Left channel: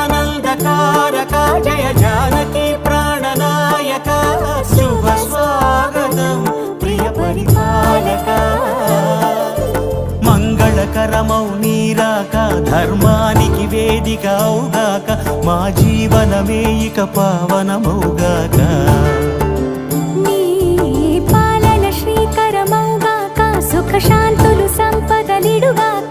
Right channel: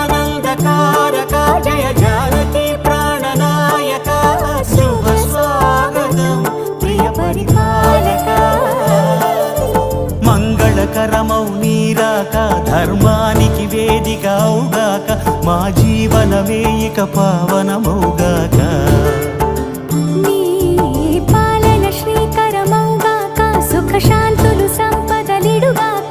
జగదానందకారక జయ జానకి ప్రాణనాయక శుభ స్వాగతం ప్రియ పరిపాలక మంగళకరమౌ నీరాక ధర్మానికి వేదిక అవుగాక మా జీవనమే ఇక పావనమౌగాక నీ పాలన శ్రీకరమౌగాక సుఖ శాంతులు సంపదలిడుగాక